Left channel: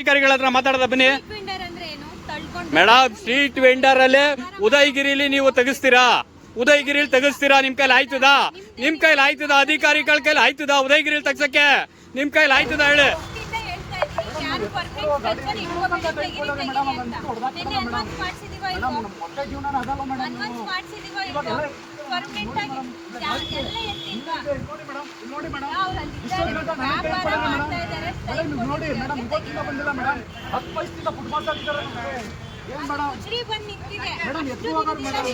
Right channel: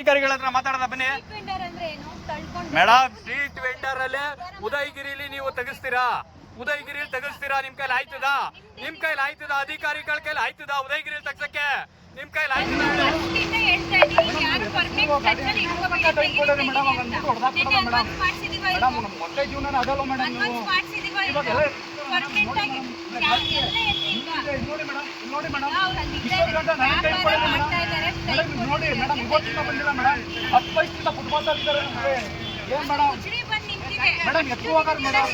ಅಧಿಕಾರಿಗಳ ಹತ್ರ ಮಾತಾಡದ ಬನ್ನಿ. ಮೇಡಮ್ ಸ್ಟ್ರೀಟ್ ವೆಂಡರ್ ಅಲ್ಲೇ ಉದಯಗಿರಿಲಿ ನೀವು ತೆಗಿಸ್ತೀರಾ? ಉದಯಗಿರಿಲಿ ತೆಗಿಸ್ತೀರಾ? ನಿಮ್ ಕೈಲಿ ಆಯ್ತದ? ನಿಮ್ ಕೈಲಿ ಆಯ್ತದ? ಅಧಿಕಾರಿಗಳ ಕೈಲಿ ಆಯ್ತದ ಉದಯಗಿರಿಲಿ ತೆಗ್ಸಕ್ಕೆ? ನಿಮ್ ಕೈಲಿ ಆಯ್ತದ ಹೇಳಿ. ಮೇಡಮ್ ನೋಡಿ ಮೇಡಮ್ ನೋಡಿ ಮೇಡಮ್ ಇಷ್ಟೊಂದು ಗಂಟೆ ಟೈಮ್ ಮೇಡಮ್ ಮೇಡಮ್ ನೋಡಿ ಮೇಡಮ್ ಇವತ್ತಿಂದ ಬಂದಿಲ್ಲ ಮೇಡಮ್ ಹತ್ತು ವಯಸ್ಸಿಂದ ಫುಟ್ಬಾಲ್ ಆಡಿದ್ದಾರೆ ನಮಗೆ ಏನ್ ಮೇಡಮ್ ಮೇಡಮ್ ಎತ್ತು ಹೋಗಾರ ಮೇಡಮ್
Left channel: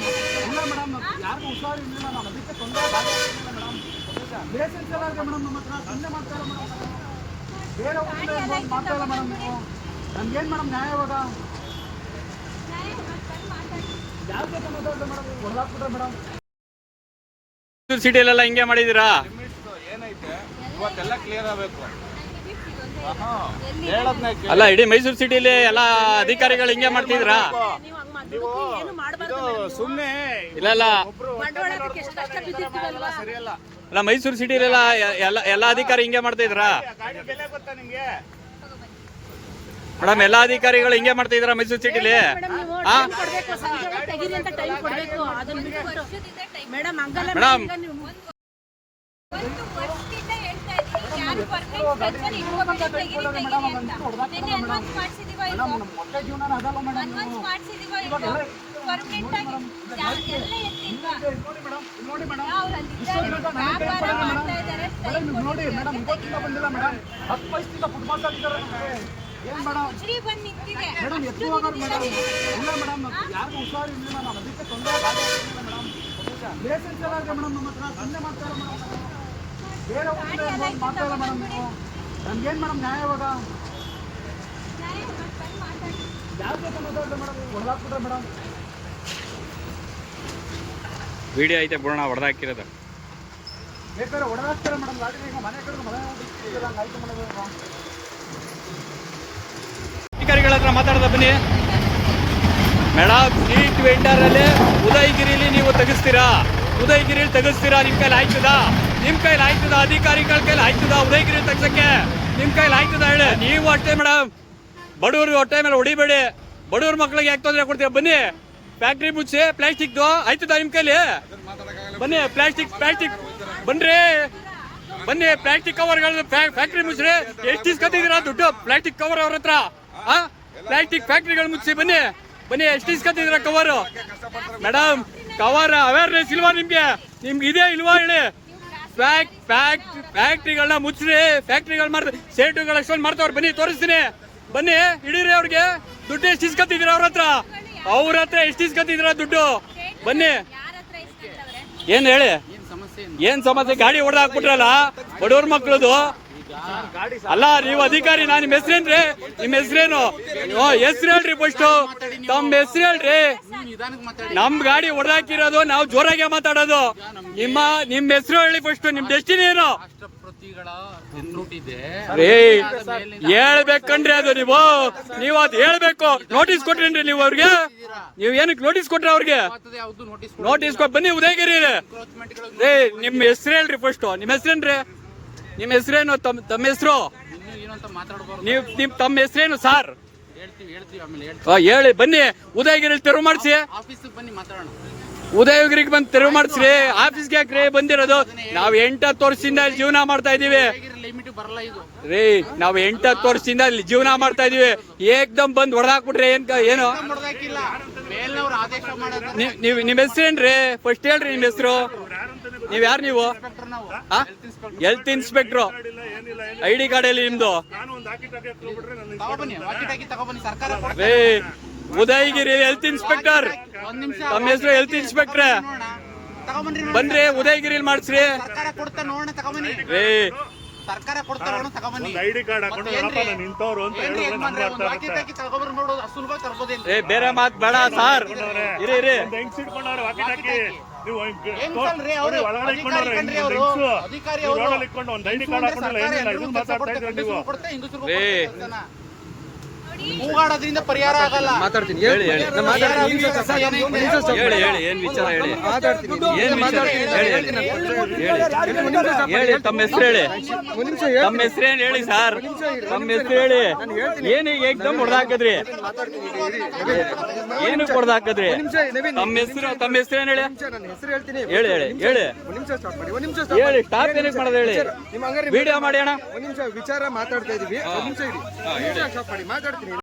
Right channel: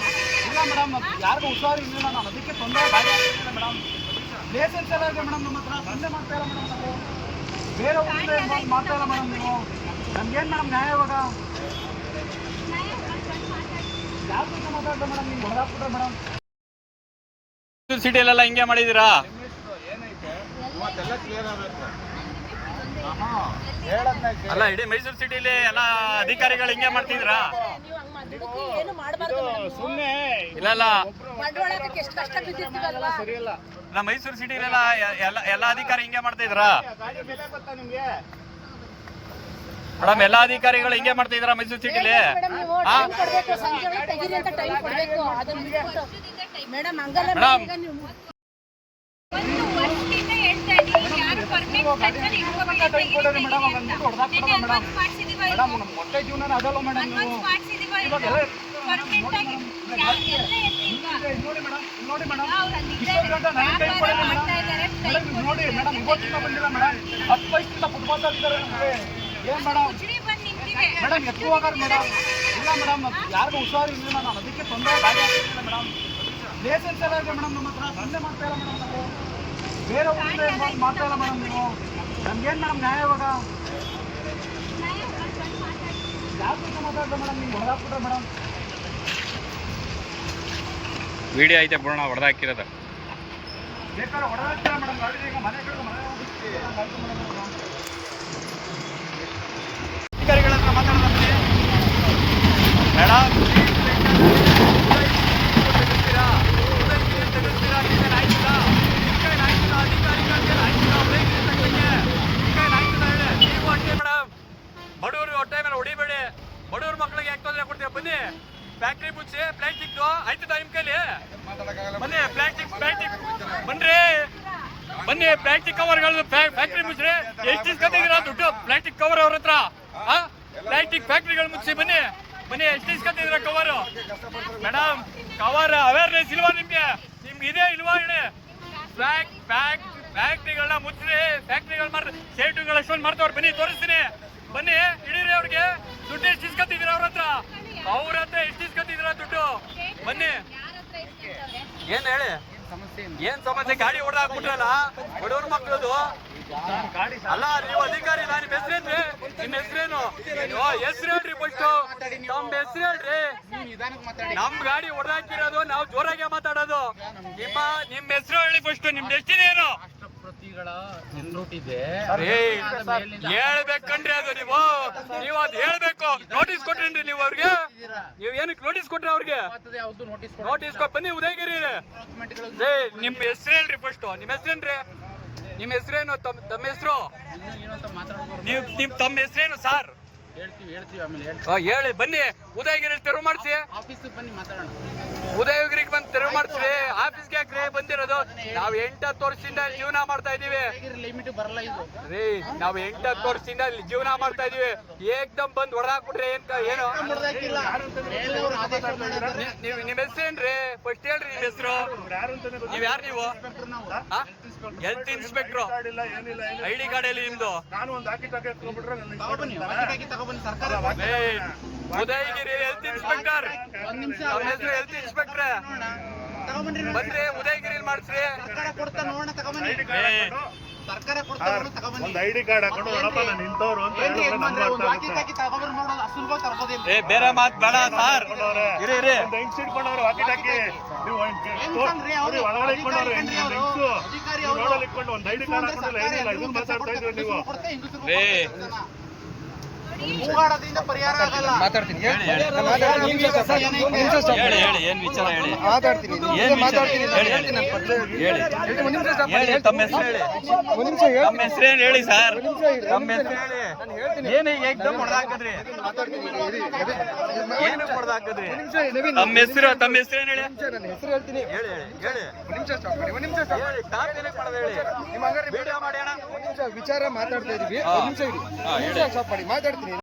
ಇಲ್ಲ ಮೇಡಮ್ ಯಾರಿಗೂ ಹುಷಾರು ಇರಲಿಲ್ಲ ನಾನು ಅದಕ್ಕೆ ತೊಂದರೆ ಗಾಡಿ ಆಗ್ತಿಲ್ಲ ಮೇಡಮ್ ಲೈಸೆನ್ಸ್ ಎಲ್ಲ ಇದೆ ಮೇಡಮ್ ನಮ್ಮ ಹತ್ರ ಸಂದೆ ಮಾಡ್ತಾ ಇಲ್ಲ ಮೇಡಮ್ ನಾವು ಬೇರೆ ಊರಿಂದ ಮಾಡ್ತಾ ಇಲ್ಲ ಮೇಡಮ್ ನೀವು ನಮ್ಗೇನು ಮೇಡಮ್ ನ್ಯಾಯ ಇವಾಗ ಯಾರ ಜೊತೆ ಮಾತಾಡ್ದೆ ಮೇಡಮ್ ನೀವು ಹೊಡೆದಾಕ್ಬಿಟ್ರೆ ಮೇಡಮ್ ಸಿಟಿಲೆಲ್ಲ ಹಿಂಗೆ ಮಾಡಿದೀರಾ ಅಲ್ಲ, ಇಡೀ ಮೈಸೂರು ಸಿಟಿಲಿ ಎಲ್ಲ ಅಧಿಕಾರಿಗಳು ಹಿಂಗೆ ಮಾಡ್ತಿದ್ರಾ ಸುಮ್ಮನೆ ಇಲ್ಲ. ಮೈಸೂರು ಸಿಟಿಲೆಲ್ಲ ಎಲ್ಲ ಎಲ್ಲ ಅಧಿಕಾರಿ ಹಿಂಗೆ ಮಾಡ್ತಿದ್ರಾ ಗಾಡಿ ಬೆಲೆ ಗೊತ್ತಾ ನಿಮಗೆ ಮೇಡಮ್ ಎಲ್ಲಾ ಅಧಿಕಾರಿಗಳು ಹಿಂಗೆ ಮಾಡ್ತಿದ್ರಾ ಮೈಸೂರು ಸಿಟಿಲಿ? ನೋಡಿ ಮೇಡಮ್ ನೋಡಿ ಮೇಡಮ್ ಇಷ್ಟೊಂದು ಗಂಟೆ ನನಗೆ ಟೈಮ್ ಮೇಡಮ್. ನೋಡಿ ಮೇಡಮ್ ಇವತ್ತಿಂದ ಬಂದಿಲ್ಲ ಮೇಡಮ್. ಹತ್ತು ವಯಸ್ಸಿಂದ ಫುಟ್ಬಾಲ್ ಆಗಿದ್ದಾರೆ ನಮಗೆ. ಏನ್ ಮೇಡಮ್ ಮೇಡಮ್ ಎತ್ತು ಹೋಗಾರ ಮೇಡಮ್. ಇಲ್ಲ ಮೇಡಮ್ ಯಾರಿಗೂ ಹುಷಾರು ಇರಲಿಲ್ಲ ನಾನು ಅದಕ್ಕೆ ತೊಂದರೆ ಗಾಡಿ ಆಗ್ತಿಲ್ಲ ಮೇಡಮ್. ಲೈಸೆನ್ಸ್ ಎಲ್ಲ ಇದೆ ಮೇಡಮ್ ನಮ್ಮ ಹತ್ರ. ಸಂದೆ ಮಾಡ್ತಾ ಇಲ್ಲ ಮೇಡಮ್ ನಾವು ಬೇರೆ ಊರಿಂದ ಮಾಡ್ತಾ ಇಲ್ಲ ಮೇಡಮ್ ನೀವು. ನಮ್ಗೇನು ಮೇಡಮ್ ನ್ಯಾಯ ಇವಾಗ? ಯಾರ ಜೊತೆ ಮಾತಾಡ್ದೆ ಮೇಡಮ್? ನೀವು ಹೊಡೆದಾಕ್ಬಿಟ್ರೆ ಮೇಡಮ್. ವಿಡಿಯೋ ಐತೆ ಬಿಡೋಣ ಹೊಡೆದಾಕಿರೋದು ಬೇಕಾದ್ರೆ ಹೊಡೆದಾಕ್ತಾರೆ ಮೇಡಮ್. ಗಾಡಿ ಈಗ ಮನೆ ಕಡೆ ಮನೆ ಹೋಗ್ಬಿಟ್ಟಿದ್ದೀರ? ಹಂಗಾಯ್ತು ಮೇಡಮ್ ಇವಾಗ ಅಧಿಕಾರಿಗಳ ಹತ್ರ ಮಾತಾಡೋದ ಬನ್ನಿ ಮೇಡಮ್ ಸ್ಟ್ರೀಟ್ ವೆಂಡರ್ ಅಲ್ಲೇ ಉದಯಗಿರಿಲಿ ನೀವು ತೆಗಿಸ್ತೀರಾ ಉದಯಗಿರಿಲಿ ತೆಗಿಸ್ತೀರಾ ನಿಮ್ ಕೈಲಿ ಆಯ್ತದ ನಿಮ್ ಕೈಲಿ ಆಯ್ತದ ಅಧಿಕಾರಿಗಳ ಕೈಲಿ ಆಯ್ತದ ಉದಯಗಿರಿ ತೆಗ್ಸಕ್ಕೆ ನಿಮ್ಮ ಕೈಲಿ ಆಯ್ತದ ಹೇಳಿ. ನೀವು ಅಷ್ಟೇ ಮೇಡಮ್ ಬಡವ್ರಿಗೆ ಹೊಟ್ಟೆ ಮೇಲೆ ಹೊಡಿಬೇಡಿ. ಬಡವ್ರ ಮಕ್ಳಿಗೆ ಯಾಕೆ ತೊಂದರೆ ಕೊಡ್ತೀವಿ ಬನ್ನಿ. ಫ್ಯಾಕ್ಟ್ರಿ ಮುಚ್ಚಿ ಪ್ಲಾಸ್ಟಿಕ್ದು ಆಯ್ತದ ನಿಮ್ಮ ಕೈಲಿ? ಬನ್ನಿ, ಪ್ಲಾಸ್ಟಿಕ್ ಪ್ಲಾಸ್ಟಿಕ್. ಬನ್ರಿ. ಬನ್ನಿ, ಪ್ಲಾಸ್ಟಿಕ್ ಕವರ್ಗಳು ಫ್ಯಾಕ್ಟ್ರಿ ಮುಚ್ಚ್ರಿ. ಎಷ್ಟು ಇಸ್ಕೊತಿದ್ದೀರಾ ದುಡ್ಡು? ಪ್ಲಾಸ್ಟಿಕ್ ಕವರ್ ಅವ್ರ ಹತ್ರ. ಪ್ಲಾಸ್ಟಿಕ್ ಫ್ಯಾಕ್ಟ್ರಿಗಳು ಮುಚ್ಚಿ ಬನ್ನಿ. ಬನ್ನಿ, ಎಷ್ಟು ಇಸ್ಕೊತಿದ್ರ ಕವರ್ ಮೇಡಮ್ ಕವರ್ ಅವೇರ್ನೆಸ್ ಇಲ್ವಾ ನಿಮ್ಗೆ? ನಿಮ್ಗೆ ಇದೆ ಇಲ್ವಾ ಹೇಳಿ? ಫ್ಯಾಕ್ ಫ್ಯಾಕ್ಟ್ ಫ್ಯಾಕ್ಟ್ರಿಗಳನ್ನ ಮುಚ್ಚ್ರಿ ಫ್ಯಾಕ್ಟ್ರಿಗಳು ಮಾಡಿ ಸೇಟುಗಳು ಅಷ್ಟೊಂದು ಮಾಡ್ತಾವ್ರು, ಬನ್ನಿ ತೋರಿಸ್ತೀನಿ. ಬನ್ನಿ, ಹಿಡೀರಿ ಅವ್ರಿಗೆ. ದುಡ್ಡು ಎಷ್ಟು ಇಸ್ಕೊತಿದ್ದೀರ ಅವ್ರ ಹತ್ರ? ಅವ್ರ ಹತ್ರ ಎಷ್ಟು ಇಸ್ಕೊತಿದ್ದೀರ ದುಡ್ಡು? ಬನ್ನಿ. ಏನು ಹೇಳಿ? ಏನು ಸಮಸ್ಯೆ? ಗಾಡಿ ಹೊಡೆದು ಹಾಕ್ಬಿಟ್ರಲ್ಲ, ಬಡವ್ರ ಮಕ್ಳದು. ಅಲ್ಲ, ನೀವು ಅಧಿಕಾರಿ, ನಾನು ನಿಮ್ಮ ಹೆಸರೇನ್ರಿ? ನಿಮ್ಮ ಹೆಸರೇನು? ಹೆಸರು ಹೇಳ್ರಿ ಫಸ್ಟ್ ತಮ್ಮ ಹೆಸರು ಹೇಳ್ರಿ. ನಮ್ ಗಾಡಿ ಹೊಡೆದಾಕಿರೋದು, ನಾವು ಜೋರಾಗೆ ಮಾತಾಡೋದು. ನಿಮ್ಮ ನಿಮ್ ಹೆಸರು ಹೇಳಿ ಫಸ್ಟ್ ನಿಮ್ ಡೆಸ್ಟಿನಿ ಏನು? ಹೇಳ್ಬೇಕಂದ್ರೆ ಅದು ನೀವು. ನೀವು ಅದ್ ಹೇಳ್ಬೇಕು. ನೋಟಿಸ್ ಕೊಟ್ರೇನ್ರಿ ನೀವು ಅವ್ರಿಗೆ? ನೀವು ಏನಕ್ಕೆ ನೋಟಿಸ್ ಕೊಟ್ರಿ ಅವ್ರಿಗೆ? ನೋಟಿಸ್ ಕೊಟ್ಟು ಬನ್ನಿ, ಉದಯಗಿರಿ. ನಿಮ್ ಹೆಸರು ಹೇಳ್ರಿ ಫಸ್ಟ್ ನಿಮ್ ಹೆಸರೇನ್ರಿ? ನಿಮ್ ಹೆಸರೇನು ತಮ್ಮ ತಮ್ಮ ಹೆಸರು? ನೀವು ನಿಮ್ ತಮ್ಮ ಹೆಸರೇನು ಸಾರ್? ಹೇಳಿ, ಬನ್ನಿ, ಉದಯಗಿರಿ ತೆರವು ಮಾಡಿಸಿ. ಉದಯಗಿರಿಗೆ ಬಂದು ತೆರವು ಮಾಡಿಸ್ರಿ. ಆಫೀಸ್ಗೆ ಯಾಕ್ರಿ ಬಂದಿರೋದು? ನಾವು ಎಂಟತ್ತು ವರ್ಷದಿಂದ ಜೀವನ ಮಾಡ್ತಾ ಇದೀವಿ ರೀ ನಾವ್ ಎಂಟತ್ತು ವರ್ಷದಿಂದ ಅಲ್ಲಿ ಜೀವನ ಮಾಡ್ತಾ ಇದೀವಿ. ಏಕ್ದಮ್ ಬಂದ್ ಹೊಡೆದಾಕ್ಬಿಟ್ರೆ ಏನ್ ಏನು? ನೀವ್- ನಿಮ್ ಹೆಸರೇನ್ರಿ? ಫಸ್ಟ್ ಹೇಳ್ರಿ ನಿಮ್ ಹೆಸರು. ನೀವ್ ಯಾರು ನೀವು? Health inspector I D card ಅಲ್ಲಿ ನಿಮ್ದು? ರೇ ಉದಯಗಿರಿ ಹೆಲ್ತ್ ಇನ್ಸ್ಪೆಕ್ಟರ್ ತಮ್ಮ ಹೆಸರು ಹೆಲ್ತ್ ಇನ್ಸ್ಪೆಕ್ಟ್ರೆ ಬನ್ರಿ ಉದಯಗಿರಿಲಿ ಮಾಡಿಸ್ರಿ. ಸರ್ಕಾರ ಒಂದು ಐಡಿ ಕಾರ್ಡ್ ಹಾಕೊಂಡು ನಾನು ನಿಂತವ್ರು ಅಂತ ಏನ್ರಿ ಹೇಳಿದ್ರೆ ಏನ್ ಮಾಡ್ರಿ? ಅರ್ಥ ಒಂದು ವಾಕಿ ಆಗುತ್ತೆ ಟಾಕಿ ತಗೊಬರ್ ನೋಡೋದು ಅಸುಲ್ಭ ತರ್ಬೋದಿಲ್ಲ ಏ ಬೇರೆ ಮಾತ್ ಬೇಡ ಸರ್. ಇರಿ ಇರಿ. ಒಂದು ವಾಕಿ ಟಾಕಿ ನೀವು ಅವ್ರು? ಒಳಗಡೆ ಇಟ್ಕೊಂಡವ್ರೆ ಅಧಿಕಾರಿ ಕಣ್ರಿ ಅವ್ರು. ಹೆಂಗ್ಸು? ಅಧಿಕಾರಿ ಅವ್ರು. ಒಳಗಡೆ ಇಟ್ಕೊಂಡು ಒಂದು ಐಡಿ ಕಾರ್ಡ್ ಹಾಕೊಂಡು ಸರ್ಕಾರ ಎಲ್ರಿಗೂ ಕೆಲಸ ಮಾತಾಡ್ತಾ ನೀವು. ಹೆಂಗಸ್ರು. ಕೂಗಾಡೋದ್ರಿಂದ ಪರಿಹಾರ ಆಗಲ್ಲ. ಮಾತಾಡ್ತೀನಿ. ಹೇಳಿ ಹೇಳಿ. ಏನ್ ವಿಚಾರ ಹೇಳಿ ಮಾತಾಡ್ತೀನಿ. ಏನ್ ವಿಚಾರ? ಮಾತಾಡ್ತೀನಿ. ಹೇಳಿ, ಹೇಳಿ. stop ಮಾಡಿ. ಹೇಳಿ. ತಮ್ಮ ಹೆಸರು ಹೇಳಿ. ಸರ್ ತಮ್ಮ ಹೆಸರು ಹೇಳಿ ನಾನು ಹೇಳ್ತೀನಿ. ಏನು ಏಕ್ದಮ್ ಹೊಡೆದಾಕದ್ರಿ ಏನು ಹೊಡೆದಾಕದ್ರಿ ತಮ್ಮ ಹೆಸರು ತಮ್ಮ ಹೆಸರು ಏನು ಹೇಳಿ? ಹೆಸರು ಹೇಳ್ತೀನಿ. ಹೇಳಿ ಹೇಳಿ ಹೇಳಿ. ಒಂದು ನಿಮಿಷ ಸ್ಟಾಪ್ ಮಾಡಿ ಒಂದು ನಿಮಿಷ stop ಹೇಳಿ. ಟಾಪ್ ಏನಕ್ಕೆ ಮಾಡೋದು ಹೇಳಿ? ವಿಡಿಯೋ ಮಾಡಿ ಅಣ್ಣ. ಒಂದು ನಿಮಿಷ ವಿಚಾರ ಮಾತಾಡ್ತಾ ಇದೀವಿ. ಮಾತಾಡ್ತೀನಿ.